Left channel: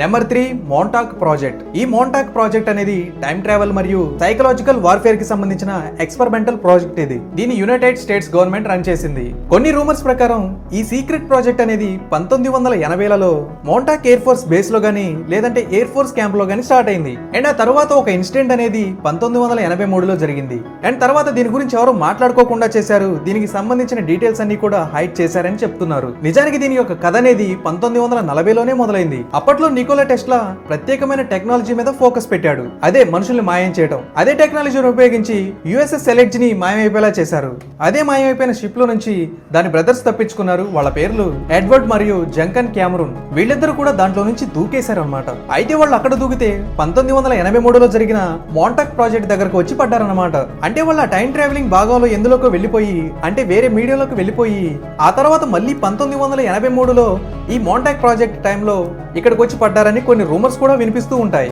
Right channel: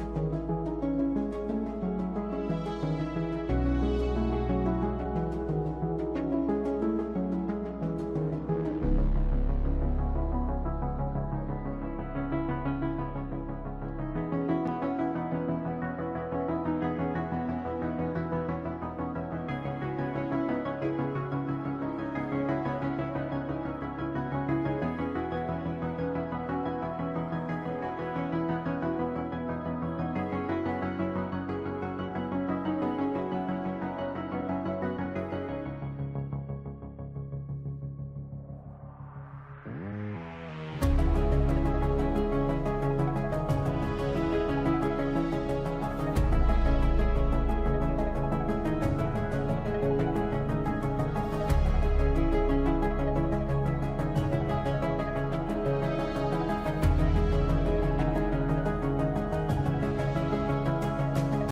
Number 3 మోంటాక్ project. ఈ మోంటాక్ project అనేది time travel మరియు సైకలాజికల్ వార్ఫేర్ కి సంబంధించిన ఎక్స్పెరిమెంటల్ ప్రాజెక్ట్ ఇది. దీన్ని యునైటెడ్ స్టేట్స్ గవర్నమెంట్ రన్ చేసింది. కొన్ని రూమర్స్ ప్రకారం ఈ సీక్రెట్ ప్రాజెక్ట్ అనేది 1980లలో మోంటాక్ ఎయిర్ ఫోర్స్ బేస్ లో గానీ లేదంటే ఎయిర్ ఫోర్స్ క్యాంప్ లో గానీ స్టార్ట్ అయింది. అండ్ ఆ తర్వాత ఒక ఇన్సిడెంట్ అనేది 1983లో జరిగింది. అండ్ తర్వాత దీని గురించి ఎవరు మాట్లాడుకోకుండా చేశారు. దీనికి సంబంధించిన డీటెయిల్స్ అన్ని కూడా హైడ్ చేశారని చెప్తున్నారు. నిజానికి దీని యొక్క కథ అనేది 1940లోనే మొదలైంది. అప్పట్లో నికోలా టెస్లా ప్రత్యేకమైన టెక్నాలజీ మీద ఫోకస్ పెట్టాడు. అదే మనుషుల్ని మాయం చేయడం. అదే టెక్నాలజీని ఉపయోగించి యుఎస్ఎస్ ఎలెక్ట్ ని మాయమైపోయేలా చేశారు. అదే మాయమైపోయిన షిప్ లో నుంచి దాని బ్రదర్స్ తప్పించుకున్నారు. వాళ్ళ పేర్లు ఎడ్వర్డ్ మరియు జంకన్ క్యామరూన్. వీళ్ళిద్దరూ కూడా దాంట్లో నుంచి దూకేశారు అన్నమాట. అయితే వాళ్ళు అక్కడ దూకితే 1983లో జరిగిన మోంటాక్ ప్రాజెక్ట్ దగ్గరకు వచ్చి పడ్డారన్నమాట. అంటే వాళ్ళ టైం ట్రావెలింగ్ భాగంలో ఎందులోకి వెళ్ళిపోయి అంటే వేరే మీడియాలోకి వెళ్ళిపోయి ఆ తర్వాత మళ్ళీ 1983లో ఈ మోంటాక్ ప్రాజెక్ట్ టైంలో ఇక్కడికి వచ్చి పడ్డారని కొన్ని రూమర్స్ కూడా వినిపిస్తూ ఉంటాయి.